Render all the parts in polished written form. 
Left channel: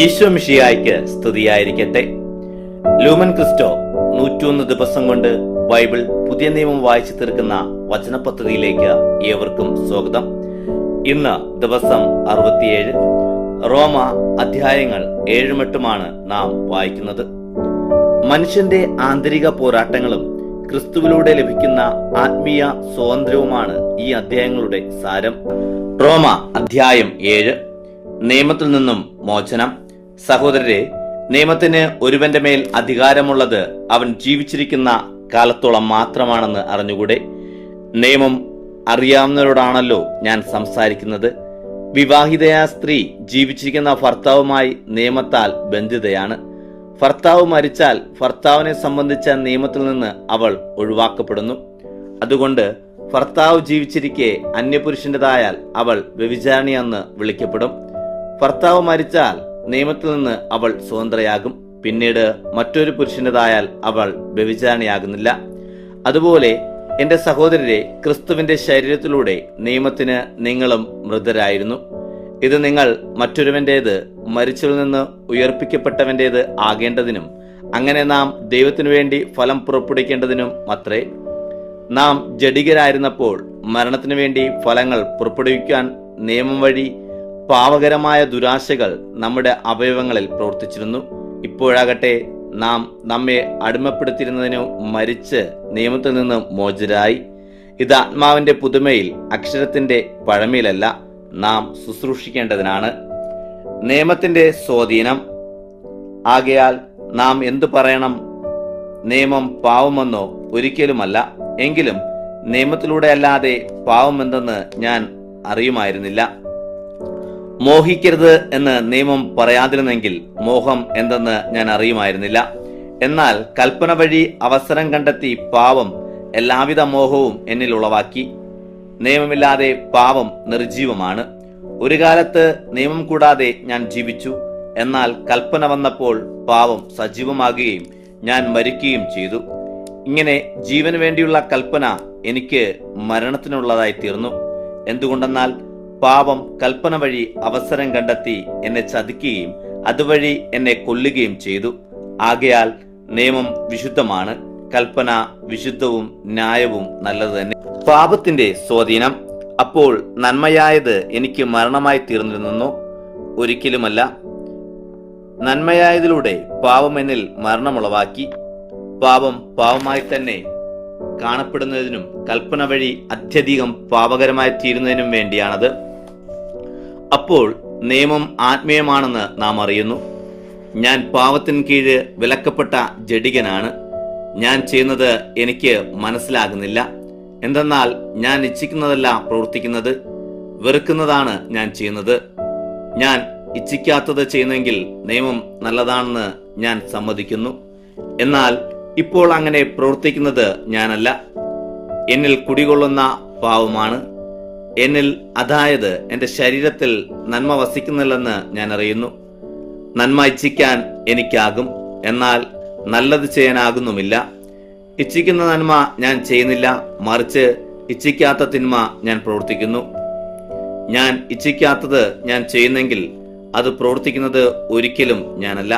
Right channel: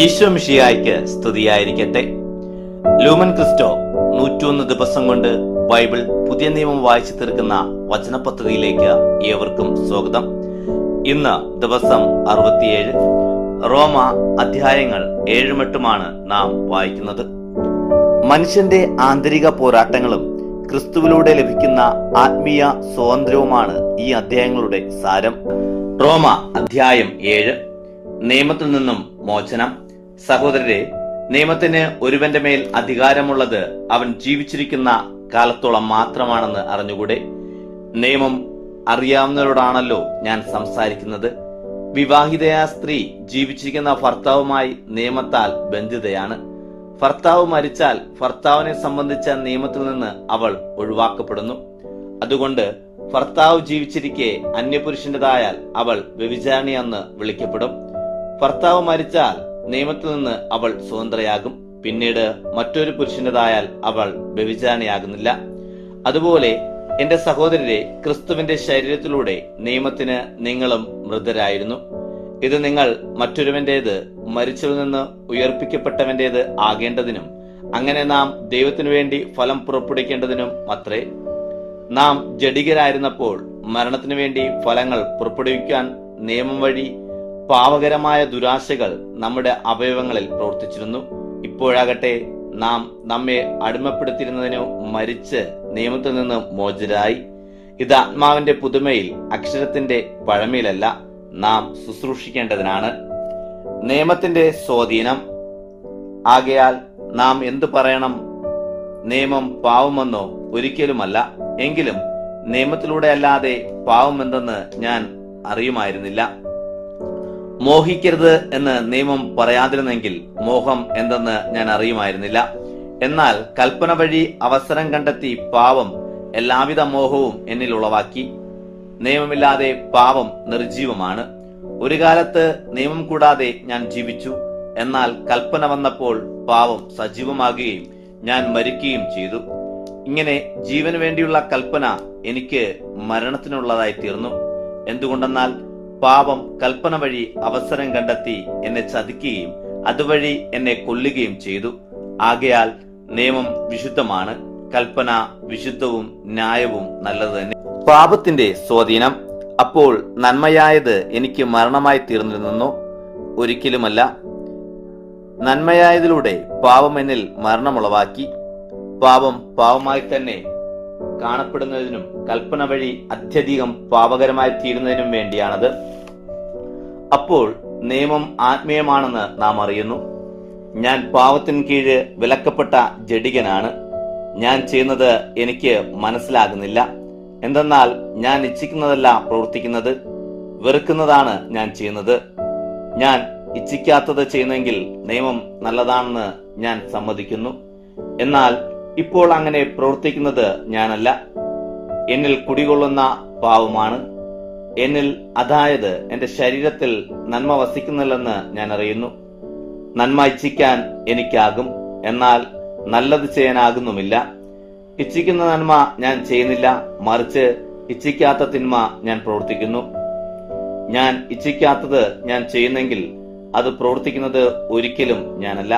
ഈശോ മിശിഹായ്ക്ക് സ്തുതിയായിരിക്കട്ടെ. Lumen Cristo 101 ദിവസം കൊണ്ട് ബൈബിൾ പുതിയ നിയമം വായിച്ചു തീർക്കുന്ന വചന പദ്ധതിയിലേക്ക് ഏവർക്കും സ്വാഗതം. ഇന്ന് ദിവസം 67, റോമ അധ്യായങ്ങൾ 7-8 നാം വായിക്കുന്നത്. മനുഷ്യന്റെ ആന്തരിക പോരാട്ടങ്ങളും ക്രിസ്തുവിലൂടെ ലഭിക്കുന്ന ആത്മീയ സ്വാതന്ത്ര്യവുമാണ് ഈ അധ്യായങ്ങളുടെ സാരം. റോമ അധ്യായം 7, നിയമത്തിൽ നിന്നും മോചനം. സഹോദരരെ, നിയമത്തിന് ഒരുവന്റെ മേൽ അധികാരമുള്ളത് അവൻ ജീവിച്ചിരിക്കുന്ന കാലത്തോളം മാത്രമാണെന്ന് അറിഞ്ഞുകൂടെ? നിയമം അറിയാവുന്നവരോടാണല്ലോ ഞാൻ സംസാരിക്കുന്നത്. വിവാഹിതയായ സ്ത്രീ ജീവിച്ചിരിക്കുന്ന ഭർത്താവുമായി നിയമത്താൽ ബന്ധിതയാണ്. ഭർത്താവ് മരിച്ചാൽ ഭർത്താവിനെ സംബന്ധിച്ച നിയമത്തിൽ നിന്ന് അവൾ ഒഴിവാക്കപ്പെടുന്നു. അതുകൊണ്ട് ഭർത്താവ് ജീവിച്ചിരിക്കെ അന്യപുരുഷന്റേതായാൽ അവൾ വ്യഭിചാരിണിയെന്ന് വിളിക്കപ്പെടും. ഭർത്താവ് മരിച്ചാൽ നിയമത്തിൽ നിന്ന് അവൾ സ്വതന്ത്രയാകും. പിന്നീട് മറ്റൊരു പുരുഷന്റേതായാൽ അവൾ വ്യഭിചാരിണിയാകുന്നില്ല. അതുപോലെ എന്റെ സഹോദരരെ, ക്രിസ്തുവിന്റെ ശരീരത്തിലൂടെ നിയമത്തിന് നിങ്ങളും മൃതരായിരുന്നു. ഇത് നിങ്ങൾ മറ്റൊരുവന്റേത് മരിച്ചവരിൽ നിന്ന് ഉയർപ്പിക്കപ്പെട്ടവന്റേത് ആകേണ്ടതിനും അങ്ങനെ നാം ദൈവത്തിനു വേണ്ടി ഫലം പുറപ്പെടുവിക്കേണ്ടതിനും അത്രേ. നാം ജഡികരായിരുന്നപ്പോൾ മരണത്തിനു വേണ്ടി ഫലങ്ങൾ പുറപ്പെടുവിക്കാൻ നിയമം വഴി പാവകരമായ ദുരാശകൾ നമ്മുടെ അവയവങ്ങളിൽ പ്രവർത്തിച്ചിരുന്നു. ഇപ്പോഴാകട്ടെ നാം നമ്മെ അടിമപ്പെടുത്തിയിരുന്നതിനു മരിച്ച് നിയമത്തിൽ നിന്ന് മോചിതരായി. ഇത് ആത്മാവിന്റെ പുതുമയിൽ, അക്ഷരത്തിന്റെ പഴമയിലല്ല, നാം ശുശ്രൂഷിക്കേണ്ടതിനാണ്. നിയമത്തിന്റെ സ്വാധീനം. ആകയാൽ നാം എന്തു പറയണം? നിയമം പാവമെന്നോ? ഒരിക്കലുമല്ല. എങ്കിലും നിയമത്തിലൂടെ അല്ലാതെ പാവമെന്തെന്ന് ഞാൻ അറിയുമായിരുന്നില്ല. മോഹിക്കരുത് എന്ന് നിയമം പറയാതിരുന്നെങ്കിൽ മോഹം എന്തെന്ന് ഞാൻ അറിയുമായിരുന്നില്ല. എന്നാൽ കൽപ്പന വഴി അവസരം കണ്ടെത്തി പാവം എല്ലാവിധ മോഹവും എന്നിൽ ഉളവാക്കി. നിയമമില്ലാതെ പാവം നിർജീവമാണ്. ഒരു കാലത്ത് നിയമം കൂടാതെ ഞാൻ ജീവിച്ചു. എന്നാൽ കൽപ്പന വന്നപ്പോൾ പാവം സജീവമാകുകയും ഞാൻ മരിക്കുകയും ചെയ്തു. ഇങ്ങനെ ജീവന് വേണ്ടിയുള്ള കൽപ്പന എനിക്ക് മരണത്തിനുള്ളതായി തീർന്നു. എന്തുകൊണ്ടെന്നാൽ പാപം കൽപ്പന വഴി അവസരം കണ്ടെത്തി എന്നെ ചതിക്കുകയും അതുവഴി എന്നെ കൊല്ലുകയും ചെയ്തു. ആകയാൽ നിയമം വിശുദ്ധമാണ്, കൽപ്പന വിശുദ്ധവും ന്യായവും നല്ലത് തന്നെ. പാപത്തിന്റെ സ്വാധീനം. അപ്പോൾ നന്മയായത് എനിക്ക് മരണമായി തീർന്നിരുന്നോ? ഒരിക്കലുമല്ല. നന്മയായതിലൂടെ പാപം എന്നിൽ മരണമുളവാക്കി. പാപം പാവമായി തന്നെ കാണപ്പെടുന്നതിനും കൽപ്പന വഴി അത്യധികം പാപകരമായി തീരുന്നതിനും വേണ്ടിയാണത്. അപ്പോൾ നിയമം ആത്മീയമാണെന്ന് നാം അറിയുന്നു. ഞാൻ പാവത്തിന് കീഴ് വിലക്കപ്പെട്ട ജഡികനാണ്. ഞാൻ ചെയ്യുന്നത് എനിക്ക് മനസ്സിലാകുന്നില്ല. എന്തെന്നാൽ ഞാൻ ഇച്ഛിക്കുന്നതല്ല പ്രവർത്തിക്കുന്നത്, വെറുക്കുന്നതാണ് ഞാൻ ചെയ്യുന്നത്. ഞാൻ ഇച്ഛിക്കാത്തത് ചെയ്യുന്നെങ്കിൽ നിയമം നല്ലതാണെന്ന് ഞാൻ സമ്മതിക്കുന്നു. എന്നാൽ ഇപ്പോൾ അങ്ങനെ പ്രവർത്തിക്കുന്നത് ഞാനല്ല, എന്നിൽ കുടികൊള്ളുന്ന പാവമാണ്. എന്നിൽ, അതായത് എന്റെ ശരീരത്തിൽ നന്മ വസിക്കുന്നില്ലെന്ന് ഞാൻ അറിയുന്നു. നന്മ ഇച്ഛിക്കാൻ എനിക്കാകും, എന്നാൽ നല്ലത് ചെയ്യാനാകുന്നുമില്ല. ഇച്ഛിക്കുന്ന നന്മ ഞാൻ ചെയ്യുന്നില്ല, മറിച്ച് ഇച്ഛിക്കാത്ത തിന്മ ഞാൻ പ്രവർത്തിക്കുന്നു. ഞാൻ ഇച്ഛിക്കാത്തത് ഞാൻ ചെയ്യുന്നെങ്കിൽ അത് പ്രവർത്തിക്കുന്നത് ഒരിക്കലും ഞാനല്ല,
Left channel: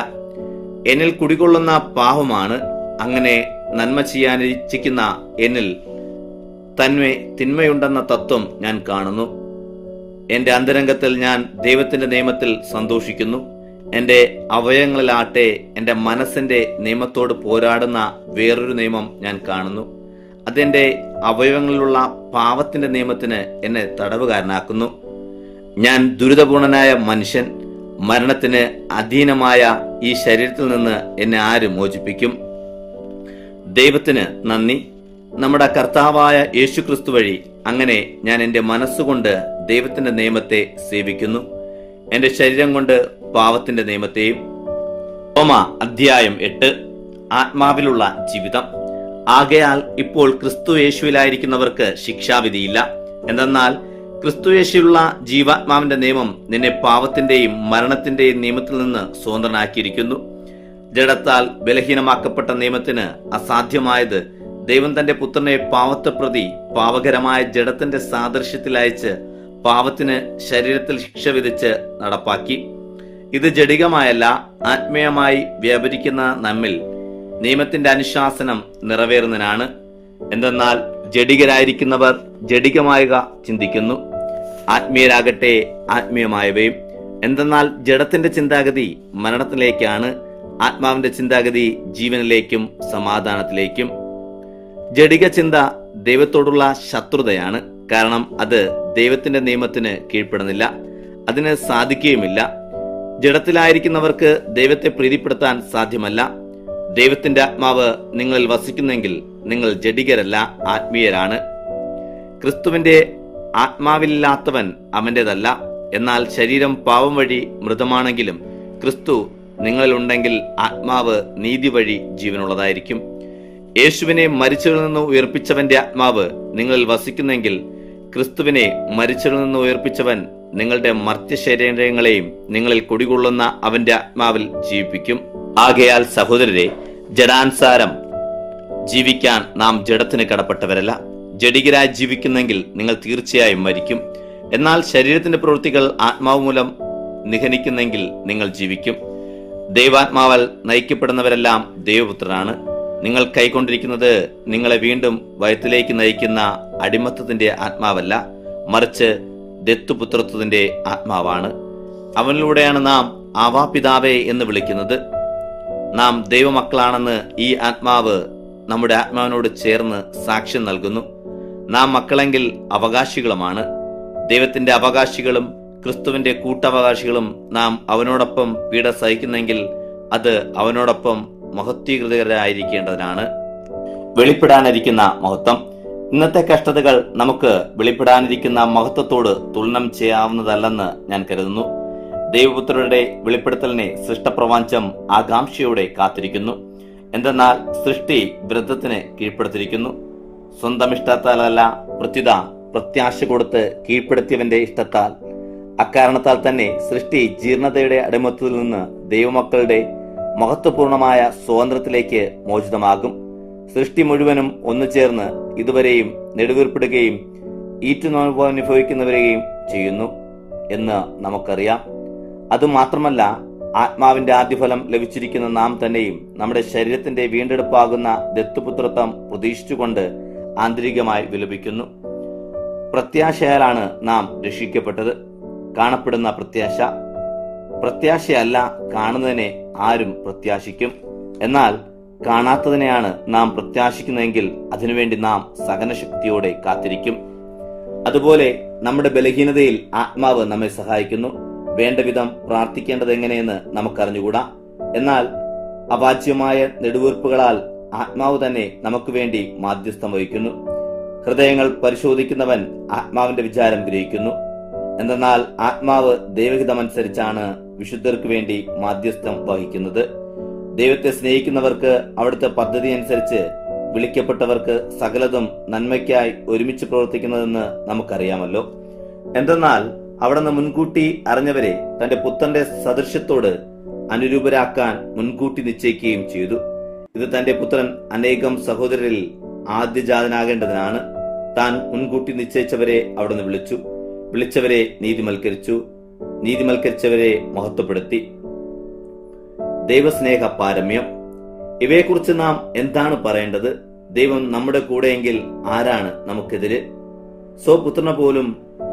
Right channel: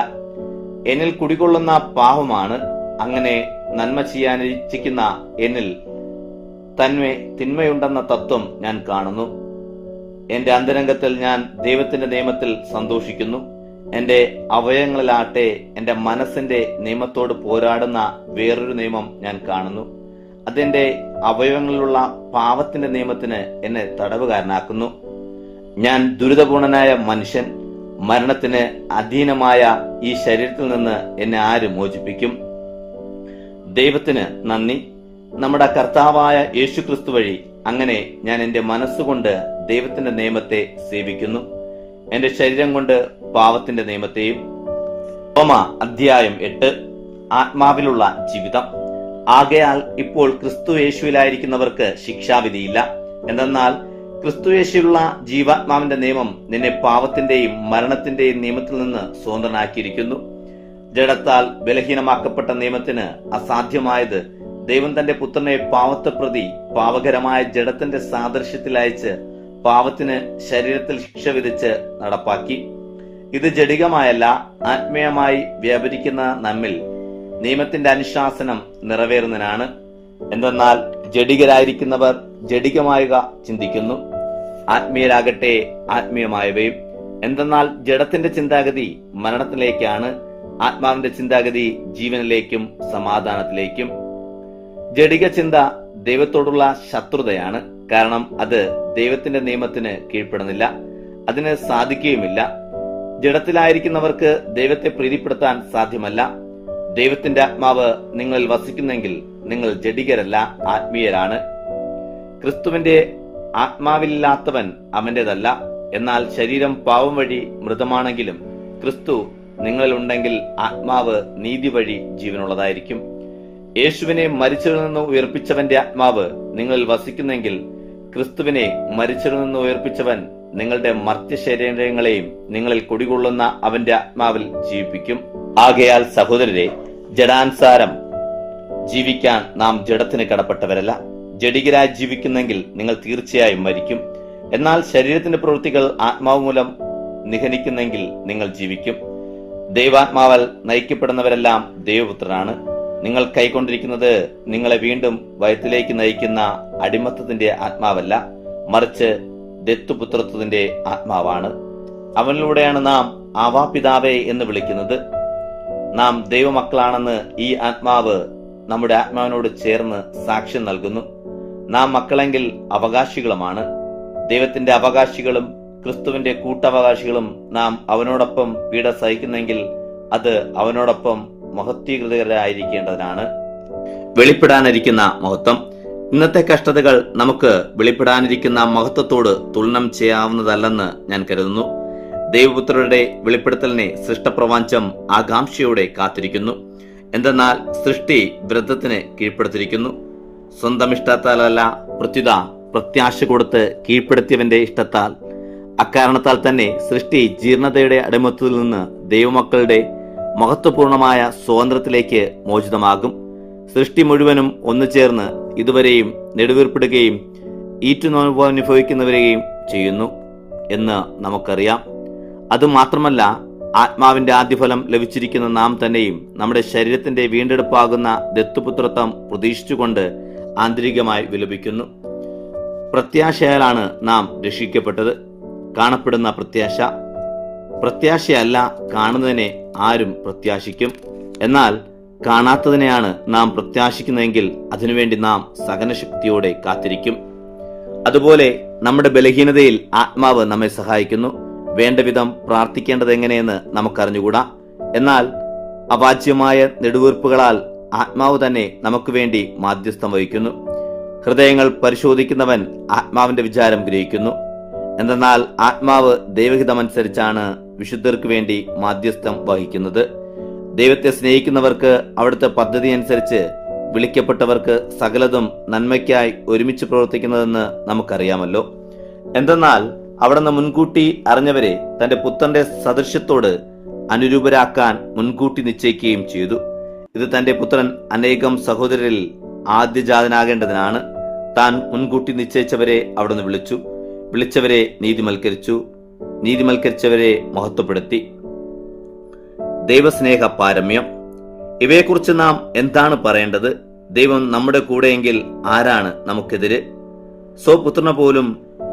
എന്നിൽ കുടികൊള്ളുന്ന പാവമാണ്. അങ്ങനെ നന്മ ചെയ്യാൻ ഇച്ഛിക്കുന്ന എന്നിൽ തന്നെ തിന്മയുണ്ടെന്ന തത്വം ഞാൻ കാണുന്നു. എന്റെ അന്തരംഗത്തിൽ ഞാൻ ദൈവത്തിന്റെ നിയമത്തിൽ സന്തോഷിക്കുന്നു. എന്റെ അവയവങ്ങളിലാട്ടെ എന്റെ മനസ്സിന്റെ നിയമത്തോട് പോരാടുന്ന വേറൊരു നിയമം ഞാൻ കാണുന്നു. അതെന്റെ അവയവങ്ങളിലുള്ള പാവത്തിന്റെ നിയമത്തിന് എന്നെ തടവുകാരനാക്കുന്നു. ഞാൻ ദുരിതപൂർണനായ മനുഷ്യൻ. മരണത്തിന് അധീനമായ ഈ ശരീരത്തിൽ നിന്ന് എന്നെ ആര് മോചിപ്പിക്കും? ദൈവത്തിന് നന്ദി, നമ്മുടെ കർത്താവായ യേശുക്രിസ്തു വഴി. അങ്ങനെ ഞാൻ എന്റെ മനസ്സുകൊണ്ട് ദൈവത്തിന്റെ നിയമത്തെ സേവിക്കുന്നു, എന്റെ ശരീരം കൊണ്ട് പാവത്തിന്റെ നിയമത്തെയും. റോമ അധ്യായം 8, ആത്മാവിലുള്ള ജീവിതം. ആകയാൽ ഇപ്പോൾ ക്രിസ്തു യേശുവിലായിരിക്കുന്നവർക്ക് ശിക്ഷാവിധിയില്ല. എന്തെന്നാൽ ക്രിസ്തു യേശുവിലുള്ള ജീവാത്മാവിന്റെ നിയമം നിന്നെ പാവത്തിന്റെയും മരണത്തിന്റെയും നിയമത്തിൽ നിന്ന് സ്വതന്ത്രനാക്കിയിരിക്കുന്നു. ജഡത്താൽ ബലഹീനമാക്കപ്പെട്ട നിയമത്തിന് അസാധ്യമായത് ദൈവം തന്റെ പുത്രനെ പാവത്തെ പ്രതി പാവകരമായ ജഡത്തിന്റെ സാദൃശ്യത്തിൽ അയച്ച് പാവത്തിന് ശരീരത്തിൽ ശിക്ഷ വിധിച്ച് നടപ്പാക്കി. ഇത് ജഡികമായല്ല, ആത്മീയമായി വ്യാപരിക്കുന്ന നമ്മിൽ നിയമത്തിന്റെ അനുശാസനം നിറവേറുന്നതിനാണ്. എന്തെന്നാൽ ജഡികരായിരിക്കുന്നവർ ജഡികമായുക ചിന്തിക്കുന്നു, ആത്മീയരാകട്ടെ ആത്മീയമായവയും. എന്തെന്നാൽ ജഡത്തിന്റെ ചിന്താഗതി മരണത്തിലേക്കാണ്, ആത്മാവിന്റെ ചിന്താഗതി ജീവനിലേക്കും സമാധാനത്തിലേക്കും. ജഡിക ചിന്ത ദൈവത്തോടുള്ള ശത്രുതയാണ്. കാരണം അത് ദൈവത്തിന്റെ നിയമത്തിന് കീഴ്പ്പെടുന്നില്ല, അതിന് സാധിക്കുകയുമില്ല. ജഡത്തിലായിരിക്കുന്നവർക്ക് ദൈവത്തെ പ്രീതിപ്പെടുത്താൻ സാധ്യമല്ല. ദൈവത്തിന്റെ ആത്മാവ് നിങ്ങളിൽ വസിക്കുന്നെങ്കിൽ നിങ്ങൾ ജഡികരല്ല, ആത്മീയരാണ്. ക്രിസ്തുവിന്റെ ആത്മാവില്ലാത്തവൻ അവന്റേതല്ല. എന്നാൽ ശരീരം പാവം വഴി മൃതമാണെങ്കിലും ക്രിസ്തു നിങ്ങളിലുണ്ടെങ്കിൽ ആത്മാവ് നീതി വഴി ജീവനുള്ളതായിരിക്കും. യേശുവിനെ മരിച്ചവരിൽ നിന്ന് ഉയർപ്പിച്ചവന്റെ ആത്മാവ് നിങ്ങളിൽ വസിക്കുന്നെങ്കിൽ ക്രിസ്തുവിനെ മരിച്ചവരിൽ നിന്ന് ഉയർപ്പിച്ചവൻ നിങ്ങളുടെ മർത്യശരീരങ്ങളെയും നിങ്ങളിൽ കുടികൊള്ളുന്ന അവന്റെ ആത്മാവിൽ ജീവിപ്പിക്കും. ആകയാൽ സഹോദരരെ, ജഡാനുസാരം ജീവിക്കാൻ നാം ജഡത്തിന് കടപ്പെട്ടവരല്ല. ജഡികരായി ജീവിക്കുന്നെങ്കിൽ നിങ്ങൾ തീർച്ചയായും മരിക്കും. എന്നാൽ ശരീരത്തിന്റെ പ്രവൃത്തികൾ ആത്മാവ് മൂലം നിഹനിക്കുന്നെങ്കിൽ നിങ്ങൾ ജീവിക്കും. ദൈവാത്മാവാൽ നയിക്കപ്പെടുന്നവരെല്ലാം ദൈവപുത്രനാണ്. നിങ്ങൾ കൈക്കൊണ്ടിരിക്കുന്നത് നിങ്ങളെ വീണ്ടും വയറ്റിലേക്ക് നയിക്കുന്ന അടിമത്തത്തിന്റെ ആത്മാവല്ല, മറിച്ച് ദത്തുപുത്രത്വത്തിന്റെ ആത്മാവാണ്. അവനിലൂടെയാണ് നാം ആവാ പിതാവേ എന്ന് വിളിക്കുന്നത്. നാം ദൈവമക്കളാണെന്ന് ഈ ആത്മാവ് നമ്മുടെ ആത്മാവിനോട് ചേർന്ന് സാക്ഷ്യം നൽകുന്നു. നാം മക്കളെങ്കിൽ അവകാശികളുമാണ്, ദൈവത്തിന്റെ അവകാശികളും ക്രിസ്തുവിന്റെ കൂട്ടവകാശികളും. നാം അവനോടൊപ്പം പീഡ സഹിക്കുന്നെങ്കിൽ അത് അവനോടൊപ്പം മഹത്വീകൃതരായിരിക്കേണ്ടതിനാണ്. വെളിപ്പെടാനിരിക്കുന്ന മഹത്വം. ഇന്നത്തെ കഷ്ടതകൾ നമുക്ക് വെളിപ്പെടാനിരിക്കുന്ന മഹത്വത്തോട് തുലനം ചെയ്യാവുന്നതല്ലെന്ന് ഞാൻ കരുതുന്നു. ദൈവപുത്രരുടെ വെളിപ്പെടുത്തലിനെ സൃഷ്ടപ്രപഞ്ചം ആകാംക്ഷയോടെ കാത്തിരിക്കുന്നു. എന്തെന്നാൽ സൃഷ്ടി വൃദ്ധത്തിന് കീഴ്പ്പെടുത്തിയിരിക്കുന്നു. സ്വന്തം ഇഷ്ടത്താലല്ല, പ്രത്യുത പ്രത്യാശ കൊടുത്ത് കീഴ്പ്പെടുത്തിയവന്റെ ഇഷ്ടത്താൽ. അക്കാരണത്താൽ തന്നെ സൃഷ്ടി ജീർണതയുടെ അടിമത്തത്തിൽ നിന്ന് ദൈവമക്കളുടെ മഹത്വപൂർണമായ സ്വാതന്ത്ര്യത്തിലേക്ക് മോചിതമാകും. സൃഷ്ടി മുഴുവനും ഒന്നു ചേർന്ന് ഇതുവരെയും നെടുവീർപ്പിടുകയും ഈറ്റുനോവ് അനുഭവിക്കുന്നവരെയും ചെയ്യുന്നു എന്ന് നമുക്കറിയാം. അതുമാത്രമല്ല, ആത്മാവിന്റെ ആദ്യഫലം ലഭിച്ചിരിക്കുന്ന നാം തന്നെയും നമ്മുടെ ശരീരത്തിന്റെ വീണ്ടെടുപ്പാകുന്ന ദത്തുപുത്രത്വം പ്രതീക്ഷിച്ചുകൊണ്ട് ആന്തരികമായി വിലപിക്കുന്നു. പ്രത്യാശയാലാണ് നാം രക്ഷിക്കപ്പെട്ടത്. കാണപ്പെടുന്ന പ്രത്യാശ. പ്രത്യാശയല്ല കാണുന്നതിനെ ആരും പ്രത്യാശിക്കും. എന്നാൽ കാണാത്തതിനെയാണ് നാം പ്രത്യാശിക്കുന്നതെങ്കിൽ അതിനുവേണ്ടി നാം സഹനശക്തിയോടെ കാത്തിരിക്കും. അതുപോലെ നമ്മുടെ ബലഹീനതയിൽ ആത്മാവ് നമ്മെ സഹായിക്കുന്നു. വേണ്ട വിധം പ്രാർത്ഥിക്കേണ്ടത് എങ്ങനെയെന്ന് നമുക്കറിഞ്ഞുകൂടാ. എന്നാൽ അവാച്യമായ നെടുവീർപ്പുകളാൽ ആത്മാവ് തന്നെ നമുക്ക് വേണ്ടി മാധ്യസ്ഥം വഹിക്കുന്നു. ഹൃദയങ്ങൾ പരിശോധിക്കുന്നവൻ ആത്മാവിന്റെ വിചാരം ഗ്രഹിക്കുന്നു. എന്തെന്നാൽ ആത്മാവ് ദൈവഹിതമനുസരിച്ചാണ് വിശുദ്ധർക്ക് വേണ്ടി മാധ്യസ്ഥം വഹിക്കുന്നത്. ദൈവത്തെ സ്നേഹിക്കുന്നവർക്ക് അവിടുത്തെ പദ്ധതി അനുസരിച്ച് വിളിക്കപ്പെട്ടവർക്ക് സകലതും നന്മയ്ക്കായി ഒരുമിച്ച് പ്രവർത്തിക്കുന്നതെന്ന് നമുക്കറിയാമല്ലോ. എന്തെന്നാൽ അവിടുന്ന് മുൻകൂട്ടി അറിഞ്ഞവരെ തന്റെ പുത്രന്റെ സദൃശ്യത്തോട് അനുരൂപരാക്കാൻ മുൻകൂട്ടി നിശ്ചയിക്കുകയും ചെയ്തു. ഇത് തന്റെ പുത്രൻ അനേകം സഹോദരരിൽ ആദ്യജാതനാകേണ്ടതിനാണ്. താൻ മുൻകൂട്ടി നിശ്ചയിച്ചവരെ അവിടുന്ന് വിളിച്ചു, വിളിച്ചവരെ നീതിമൽക്കരിച്ചു, നീതിമൽക്കരിച്ചവരെ മഹത്വപ്പെടുത്തി. ദൈവസ്നേഹ പാരമ്യം. ഇവയെക്കുറിച്ച് നാം എന്താണ് പറയേണ്ടത്? ദൈവം നമ്മുടെ കൂടെയെങ്കിൽ ആരാണ് നമുക്കെതിരെ? സ്വപുത്രനെ പോലും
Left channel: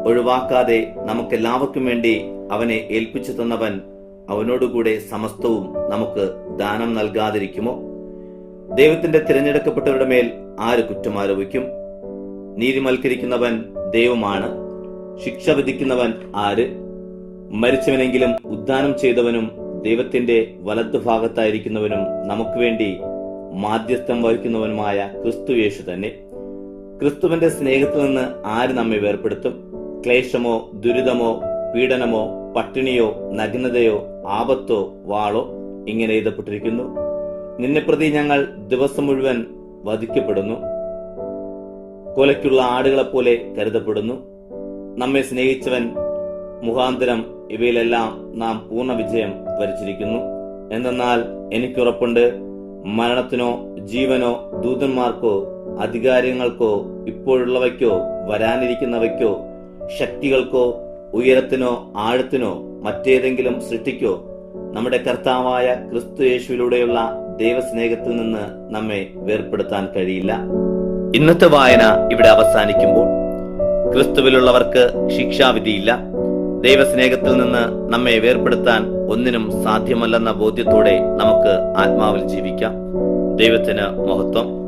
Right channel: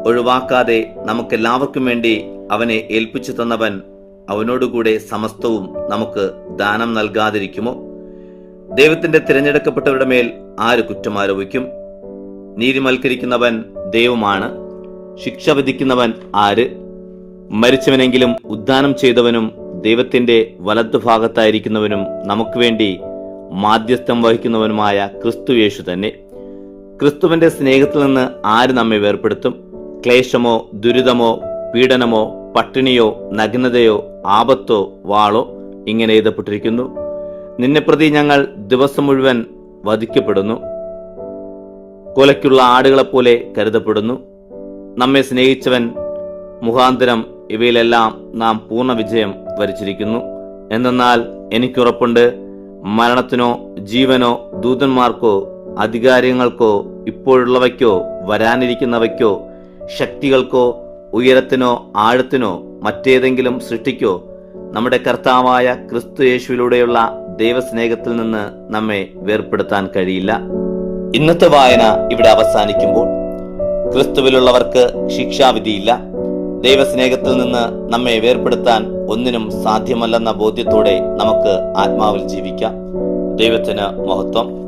ഒഴിവാക്കാതെ നമുക്കെല്ലാവർക്കും വേണ്ടി അവനെ ഏൽപ്പിച്ചു തന്നവൻ അവനോടുകൂടെ സമസ്തവും നമുക്ക് ദാനം നൽകാതിരിക്കുമോ? ദൈവത്തിന്റെ തിരഞ്ഞെടുക്കപ്പെട്ടവരുടെ മേൽ ആര് കുറ്റമാരോപിക്കും? നീതിമൽക്കരിക്കുന്നവൻ ദൈവമാണ്. ശിക്ഷ വിധിക്കുന്നവൻ ആര്? മരിച്ചവനെങ്കിലും ഉദ്ധാനം ചെയ്തവനും ദൈവത്തിന്റെ വലത്തുഭാഗത്തായിരിക്കുന്നവനും നമുക്ക് വേണ്ടി മാധ്യസ്ഥം വഹിക്കുന്നവനുമായ ക്രിസ്തു യേശു തന്നെ. ക്രിസ്തുവിന്റെ സ്നേഹത്തിൽ നിന്ന് ആര് നമ്മെ വേർപെടുത്തും? ക്ലേശമോ, ദുരിതമോ, പീഡനമോ, പട്ടിണിയോ, നഗ്നതയോ, ആപത്തോ, വാളോ? ഇങ്ങനെ എഴുതപ്പെട്ടിരിക്കുന്നു, നിന്നെ പ്രതി ഞങ്ങൾ ദിവസം മുഴുവൻ വധിക്കപ്പെടുന്നു, കൊലയ്ക്കുള്ള ആടുകളെപ്പോലെ കരുതപ്പെടുന്നു. നമ്മെ സ്നേഹിച്ചവൻ മുഖാന്തരം ഇവയിലെല്ലാം നാം പൂർണ്ണ വിജയം വരിച്ചിരിക്കുന്നു. എന്തെന്നാൽ എനിക്കുറപ്പുണ്ട്, മരണത്തിനോ ജീവനോ ദൂതന്മാർക്കോ അധികാരങ്ങൾക്കോ ഇപ്പോഴുള്ളവയ്ക്കോ വരാനിരിക്കുന്നവയ്ക്കോ ശക്തികൾക്കോ ഉയരത്തിനോ ആഴത്തിനോ മറ്റേതെങ്കിലും സൃഷ്ടിക്കോ നമ്മുടെ കർത്താവായ ക്രിസ്തു യേശുവിലൂടെയുള്ള ദൈവസ്നേഹത്തിൽ നിന്ന് നമ്മെ വേർപെടുത്താൻ കഴിയില്ല. ഇന്നത്തെ വായന ഇവിടെ അവസാനിക്കുമ്പോൾ ക്രിസ്തുവിലുള്ളവർക്ക് ശിക്ഷാവിധിയില്ല. ദൈവസ്നേഹത്തിൽ നിന്ന് നമ്മെ വേർപെടുത്താൻ ഒന്നിനും സാധ്യമല്ലെന്ന ബോധ്യത്തോടെ നമുക്ക് ആത്മാവിൽ ജീവിക്കാം. ദൈവത്തിന് മഹത്വം.